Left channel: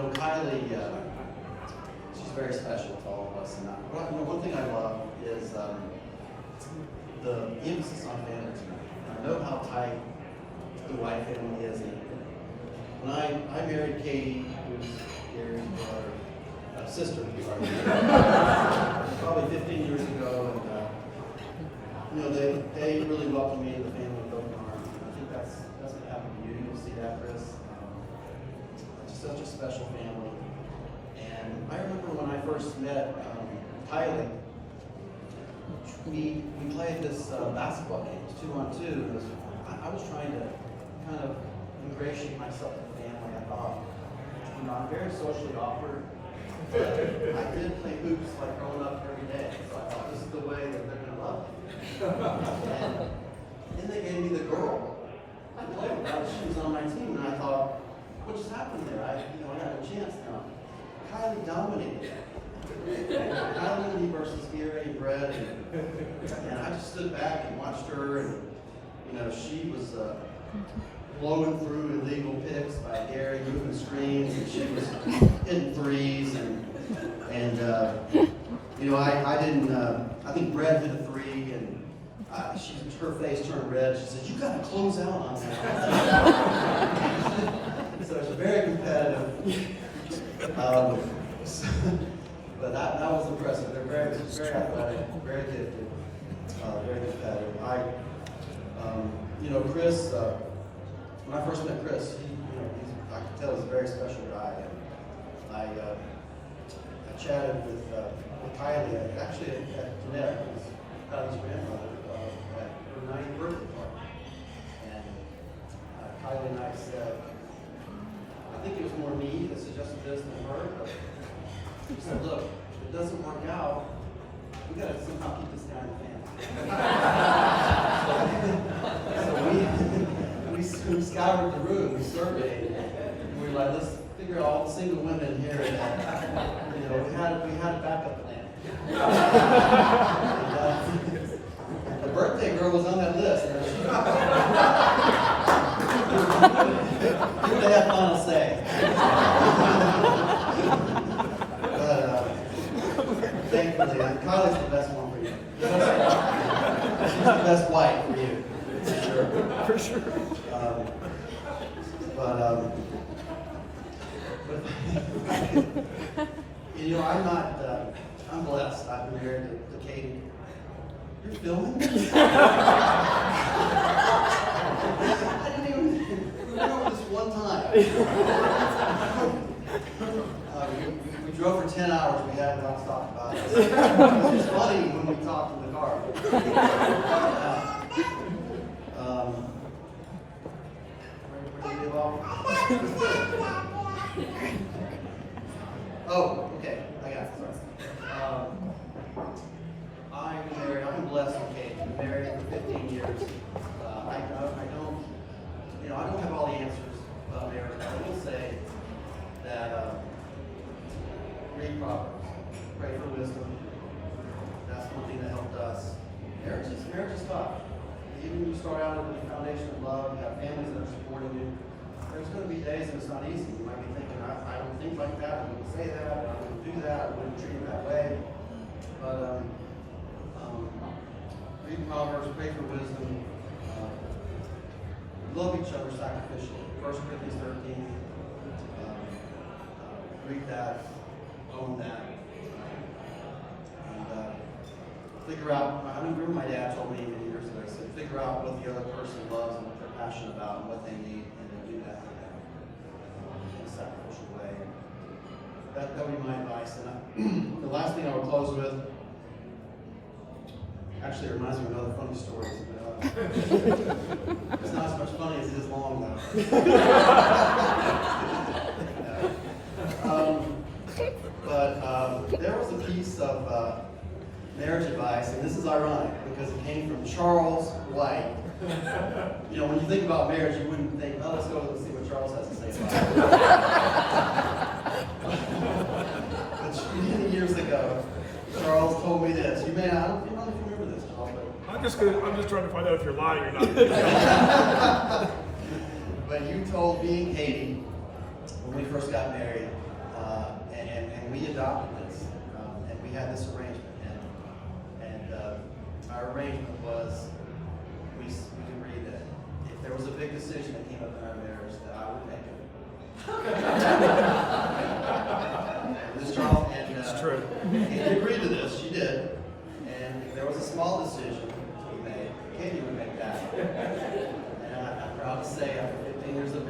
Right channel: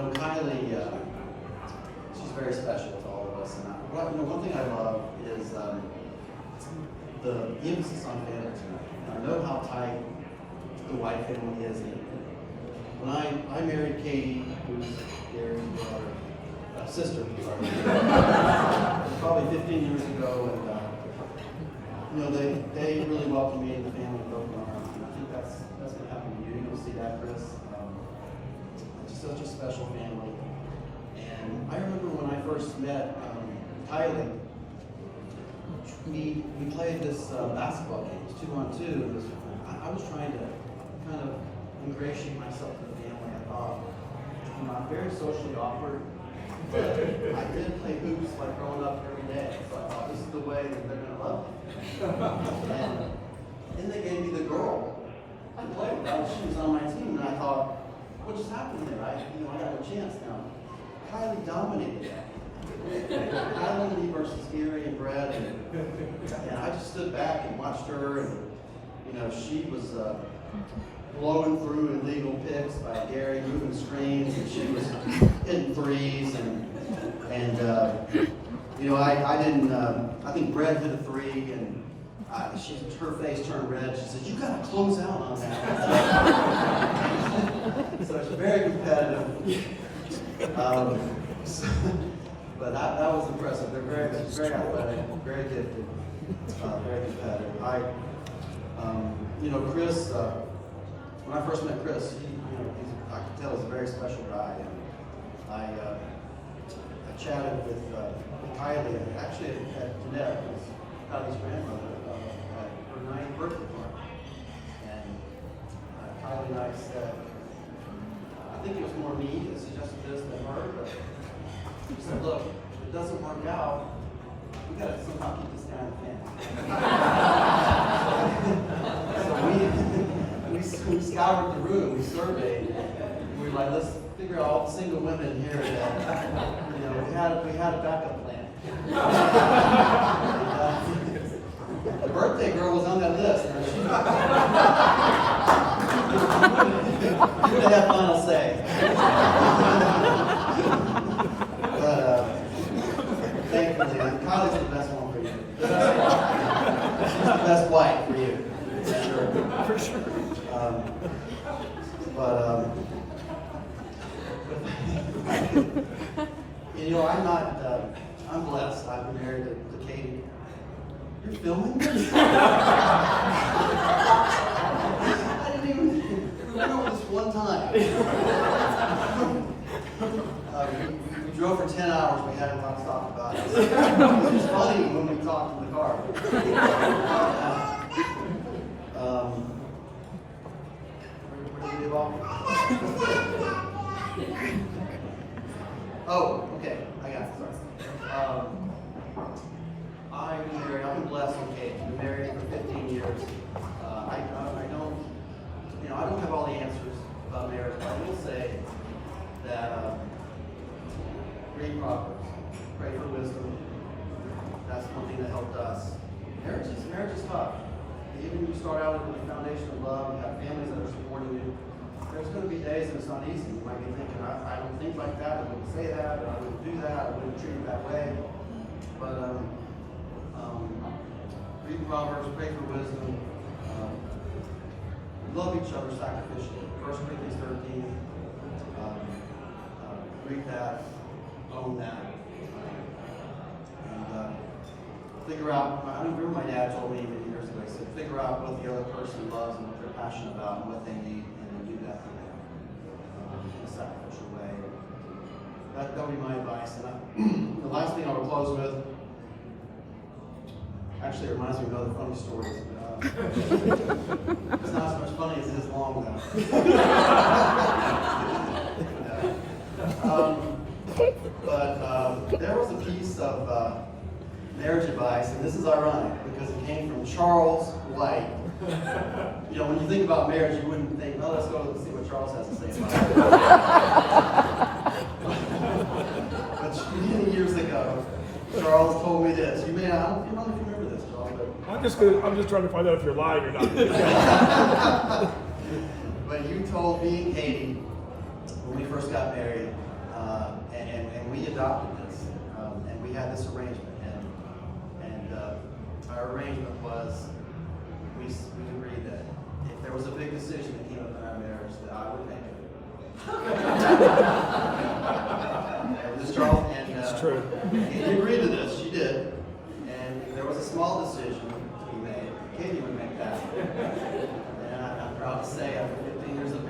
Kylee, she's very special to all of us. And one thing I love is the emphasis on family tonight. I know how tight the White family is. And when I married Katie, who's Gary's brother, sister, probably 15 years ago, and they really welcomed me and the family with open arms. And I think that's going to happen to you. You'll see that, Chris. Just such a special family. And I remember when I first met Kylee, we played this basketball game. It was 2-on-2. And I was trying to kind of ingratiate myself to the family. I thought, I'm very socially awkward. But I did play hoops like growing up every day. So I thought this is the way that they're going to love me. And then they gave me the girl I played with. She was on my team, and I thought, what just happened there? I had a chance now. Kylee dominated that. Kylee versus Gary and Brett, and I just stood back and watched her, and she was blowing through illegal picks by Gary, moving screens, and she was hitting threes, and I didn't. I think Brett hit a three, and her face turned red. She said, "You got to close out on that." So it's very competitive. But that was impressive. They're very athletic, very gifted, very competitive. Chris. When I first met Chris, I could tell he's a very special guy. And I chatted with Kylee, actually at Jeanette, who's Kylie's grandmother, at her 9th birthday party. And Kylee and I said, I think it was more me that suggested this than her, but she said, look, if it doesn't work out, we got to somehow keep this guy in the family. So we scoured the room, we surveyed, and we were like, let's figure out all the single women here that, we had a backup plan. The birthday girl was on that list. You would have final say. But thankfully, Kylie's the best one for you. She's the best wife for you, for sure. I'm blessed. I've been married to Katie. You're filming this? I didn't even, we went over this one time. We drove for 10 hours. We hadn't talked about it. It was funny when we talked in the car. Where did we leave off? Oh, okay. I got it. Sorry. I've been blessed with Kate. I've been married for 15 years. I don't have all the answers about marriage, but I will say that read Proverbs, pray for wisdom. That's one thing that helped us. Marriage is tough. Even when you start out with the foundation of love, you have families that are supporting you. There's going to be days that it's not easy. You might be thinking, I don't think like that, I wouldn't say that, I wouldn't do that, I wouldn't treat it that way. But read Proverbs, pray for wisdom, love each other sacrificially. 1 Corinthians 13, read that, own that, and figure out, I remember my dad told me many years ago, he said, figure out what the other person loves and what they're passionate about and what they need, and then do that for them in a sacrificial way. That would be my advice. And the last thing I would close with, actually it reminds me of another funny story. It's not as much funny as it is long, though. But there was a piece of marriage advice, and this is ironic because it came from Charles White. When you think about marriage, you wouldn't think, oh, let's go see what Charles has to say about it. But many years ago, Charles told me this. You may not, I don't know if you remember this, Charles, but I'm just trying to find out if you're lying or not. But you told me and Katie when we first got married, we adopted this, and we had this arrangement, and our arrangement was, we agreed that if there was a big decision that came up in our marriage, that I would make it. And this Charles, and It's true. Katie agreed to this, she did, and if there was a small decision to be made, Katie would make that. And I'm proud to say, after 15 years of